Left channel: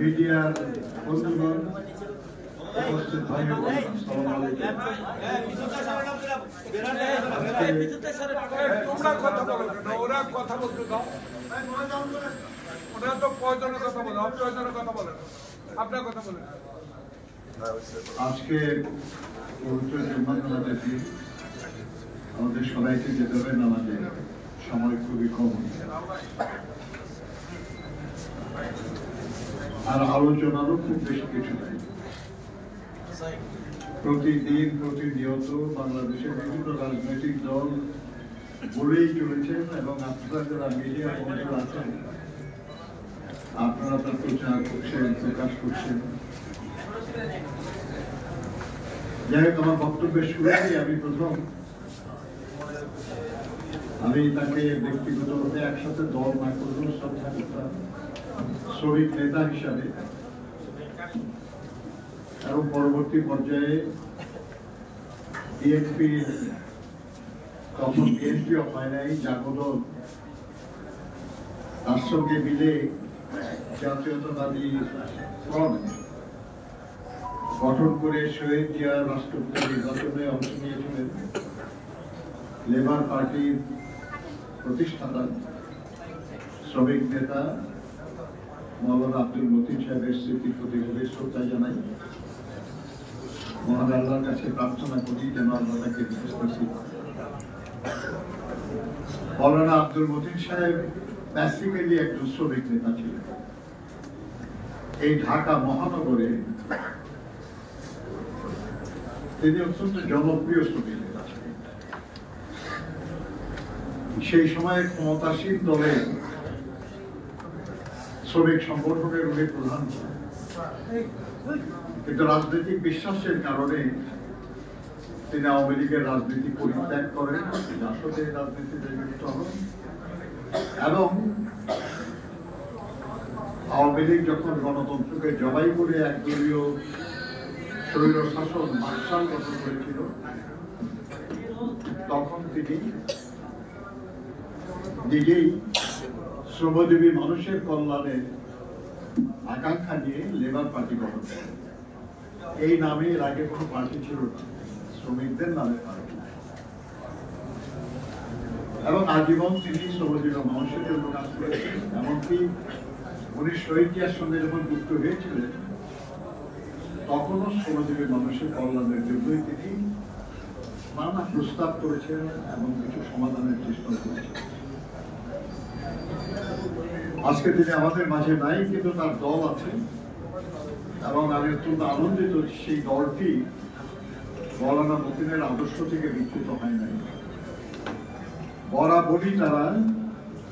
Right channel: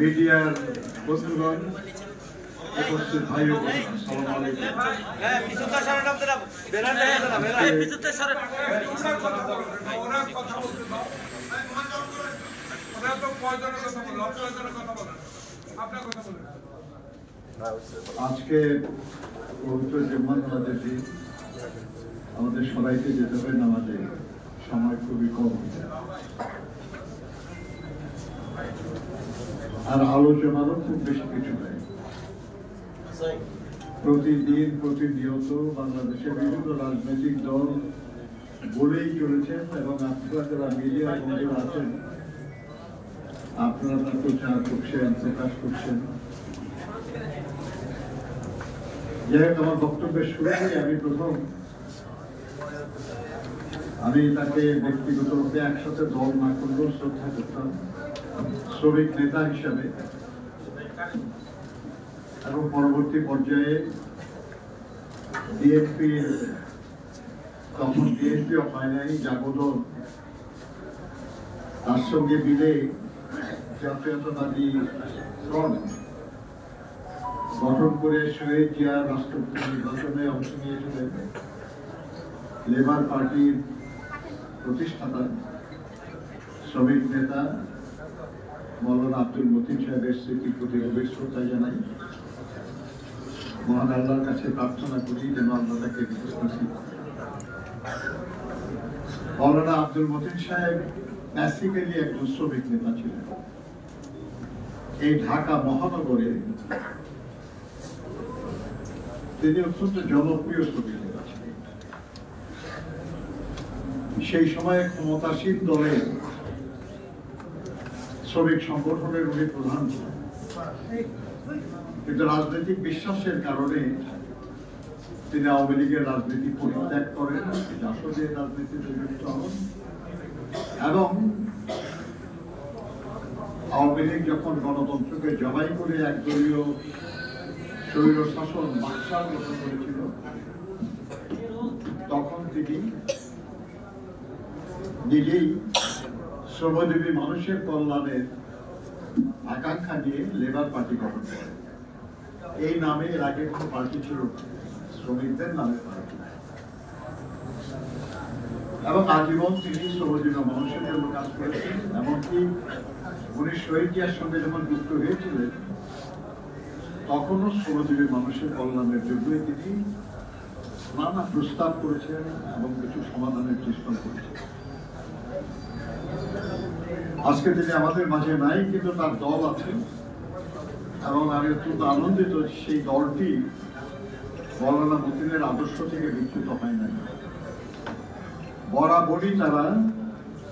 মিডিয়ার বন্ধুগণ, উপস্থিত ভাই আজকে পবিত্র জুম্মার নামাজের দিন আমাদের সবাইকে যেতে হবে নামাজে, সময় খুবই কম আর আলোচনারও খুব বেশি কিছু নাই। প্রতিদিন প্রতিনিয়ত বাংলাদেশের বিভিন্ন রাজনৈতিক দল বলেই চলেছেন এবং আপনারা যারা মিডিয়া বন্ধুরা আছেন আপনারা তার প্রচার করছেন, প্রকাশ করছেন। যাই হোক, আমার বক্তব্যের শুরুতেই আমি তাকে ব্যক্তিগতভাবে একসাথে দল না করলেও শ্রদ্ধা করতাম শ্রমিক নেতা হিসাবে, এবং পরবর্তী পর্যায়ে বিএনপির তখন বিএনপিও হয় নাই, জাগদল তার সঙ্গে মিলে জাতীয়তাবাদী ফ্রন্ট গঠন করে শহীদ জিয়া রাষ্ট্রপতি নির্বাচনে অংশ নিয়েছিলেন। লেবার পার্টির প্রতিষ্ঠাতা শ্রমিক নেতা মৌলানা আব্দুল মতিন সাহেবের স্মৃতির প্রতি গভীর শ্রদ্ধা জানাই। মহান আল্লাহর কাছে প্রার্থনা করি যেন আল্লাহ তাকে মৌলানা আব্দুল মতিন সাহেব বেসিক্যালি একজন শ্রমিক নেতা ছিলেন। এই ঢাকা মহানগরে তিনি অত্যন্ত জনপ্রিয় শ্রমিক নেতা ছিলেন। সেই সময় ক্ষমতাসীন দলের শ্রমিক সংগঠনের উনি প্রধান ছিলেন, কিন্তু রাজনৈতিক বিশ্বাসের কারণে তিনি আওয়ামী লীগের রাজনীতি পরিত্যাগ করেন, জাসদের রাজনীতিতে যুক্ত হন এবং আওয়ামী লীগ যখন গণতন্ত্রকে জবাই করে একদলীয় স্বৈর শাসন বাকশাল গঠন করেছিল তখন তিনি নিজেই শ্রমজীবী মানুষের কল্যাণের আকাঙ্ক্ষা নিয়ে লেবার পার্টি গঠন করেন। এই নামে এর আগে কোনো পার্টি ছিল শ্রমিকদের নামে পার্টি, এবং আজীবন তিনি শ্রমজীবী মানুষের জন্য কাজ করেছেন। এমনকি উনি শহীদ জিয়ার সঙ্গে যখন যুক্ত হয়েছিলেন তখনও শ্রমজীবী মানুষের কল্যাণের জন্যই তিনি নানা প্রস্তাব করেছেন এবং কিছু সমাধানের চেষ্টা করেছেন। আজকে তিনি আমাদের মাঝে নাই, কিন্তু তার দল আছে এবং আমি অত্যন্ত আনন্দিত সেই দলটি মৌলানা মতিনের আদর্শ থেকে বিচ্যুত হয় নাই। বরাবরই তারা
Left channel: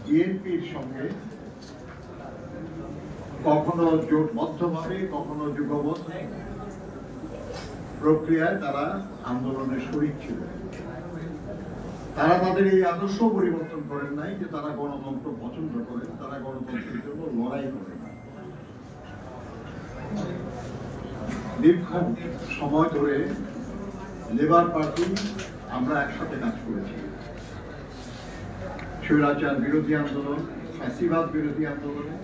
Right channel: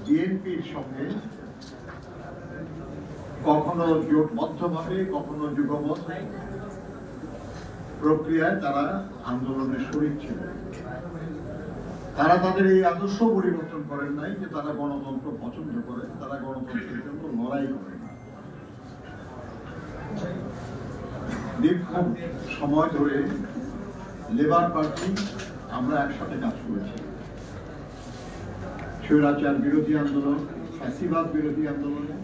বিএনপির সঙ্গে কখনো জোটবদ্ধভাবে কখনো যুগবদ্ধ প্রক্রিয়ায় তারা আন্দোলনের শরীক ছিলেন। তারা তাদের এই আদর্শ পরিবর্তন করেন নাই যে তারা গণতন্ত্র পছন্দ করেন, তারা গণতন্ত্রের জন্য লড়াই করেন। দীর্ঘ সময় ধরে লেবার পার্টি আমরা একসাথে কাজ করেছি। স্বৈরাচার বিরোধী আন্দোলন, ফ্যাসিবাদ বিরোধী আন্দোলনে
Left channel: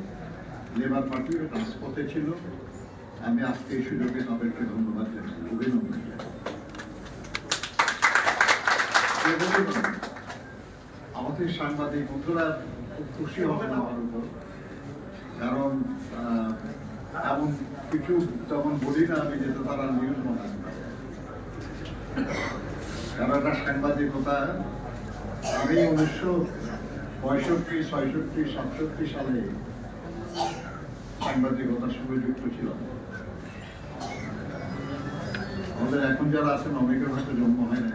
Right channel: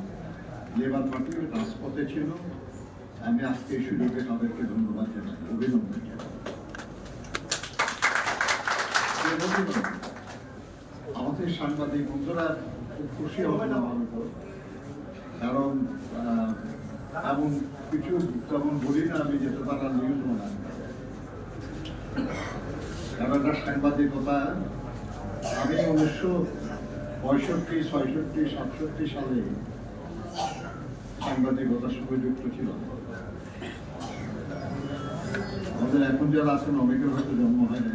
লেবার পার্টি রাজপথে ছিল। আমি আজকে এই সুযোগে তাদেরকে ধন্যবাদ জানাই, অভিনন্দন জানাই। আমাদের সাংবাদিক বন্ধুরা খুব খুশি হবেন আমার উপর, কারণ এমন কিছু তেমন বলি না আমি যেটা তারা নিউজ মনে হয়। কারণ সাংবাদিকতা আমি 1965, 66, 67 সালে সাংবাদিকতার সঙ্গে যুক্ত ছিলাম। আমাদের এখন যারা আছেন অনেকের হয়তো জন্ম হয় না।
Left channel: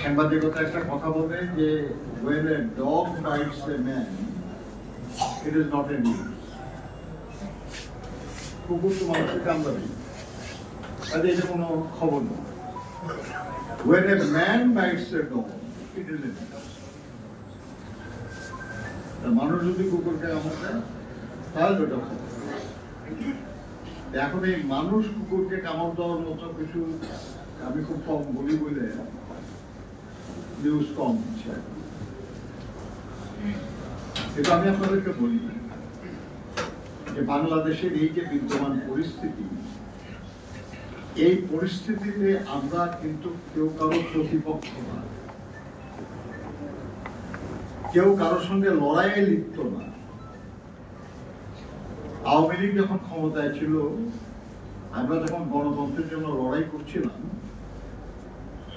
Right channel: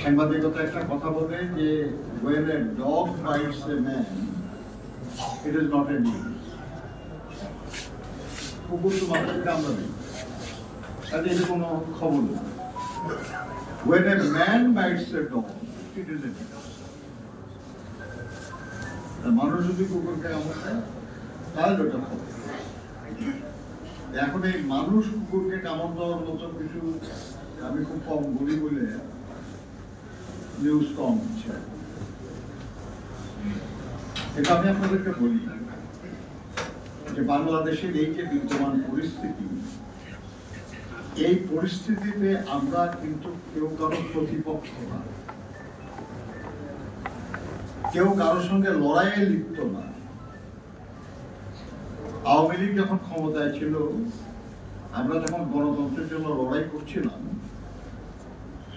সাংবাদিকতা একটা কথা বলে যে when a dog bites a man, it is not a news. কুকুর তো মানুষকে কামড়াবে, তাহলে এটা কোনো খবর নেই। When a man bites a dog, it is a news. মানুষ যদি কুকুরকে কামড়ায় তাহলে ওটা খবর। এখন এই মানুষ কুকুরকে কামড় দেওয়ার মতো কিছু আমি খুব কম বলি বলে নিউজ কম হচ্ছে। এটা আমি আপনাদেরকে বলি যে বাংলাদেশের এই যে বিদ্যমান পরিস্থিতি, এই পরিস্থিতিতে আমরা কিন্তু কেউ কারো প্রতিপক্ষ না, কেউ কারোর সঙ্গে লড়াইয়ে লিপ্ত না। আওয়ামী লীগ যখন ক্ষমতায় ছিল, আমরা যখন গণতন্ত্রের জন্য লড়াই করছিলাম,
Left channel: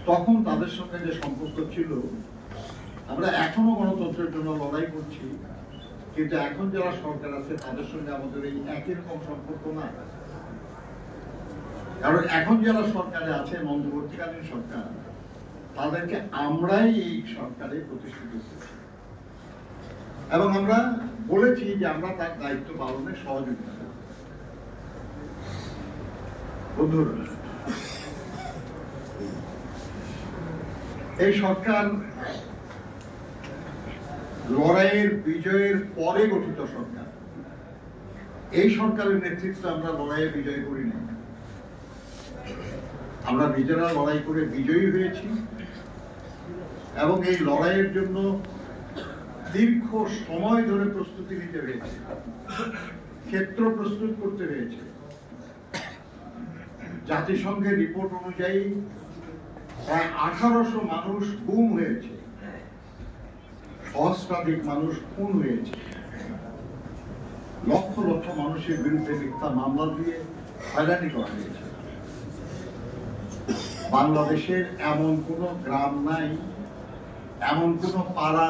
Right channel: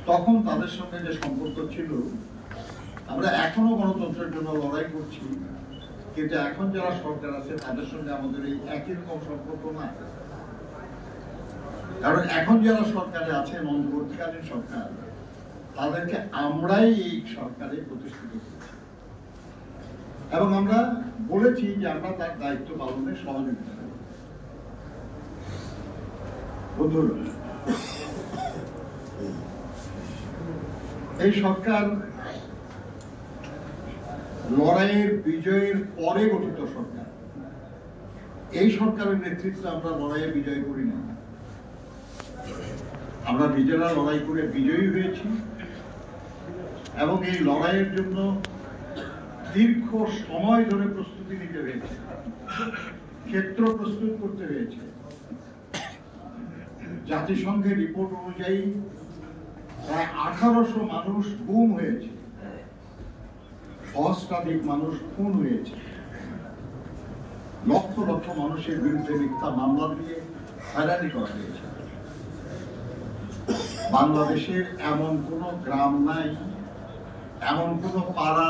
তখন তাদের সঙ্গে যে সম্পর্ক ছিল, আমরা এখনো গণতন্ত্রের জন্য লড়াই করছি, কিন্তু এখন যারা সরকার আছে তাদের সঙ্গে আমাদের এই একই রকম সম্পর্ক না। কারণ এখন যারা সরকারে আছে, অন্তর্বর্তীকালীন সরকার, তাদেরকে আমরাই এই সরকারে প্রতিষ্ঠিত করছি এবং আমরা বলেছি যে আমরা তার দায়িত্ব পালনে সহযোগিতা করব। বন্ধুরা, এই সরকার লড়াইয়ের বিজয়ের পরে গঠিত সরকার। এই সরকারের নেতৃত্বে আমরা লড়াইয়ে বিজয় করি না, আমরা নিজেরা লড়াই করে বিজয়ী হয়েছি এবং এই লড়াইয়ের জন্য দীর্ঘ সময় ধরে প্রস্তুতি নিতে হয়েছে, ক্ষেত্র প্রস্তুত করতে হয়েছে। জাতিসংঘের রিপোর্ট অনুযায়ী প্রায় 1800 মানুষ গুম হয়েছে, সহস্রাধিক মানুষ খুন হয়েছে, লক্ষ লক্ষ মানুষের বিরুদ্ধে মিথ্যা মামলা দিয়ে হয়রানি করা হয়েছে। বাংলাদেশের এমন কোন গ্রাম নাই, এমন কোন পাড়া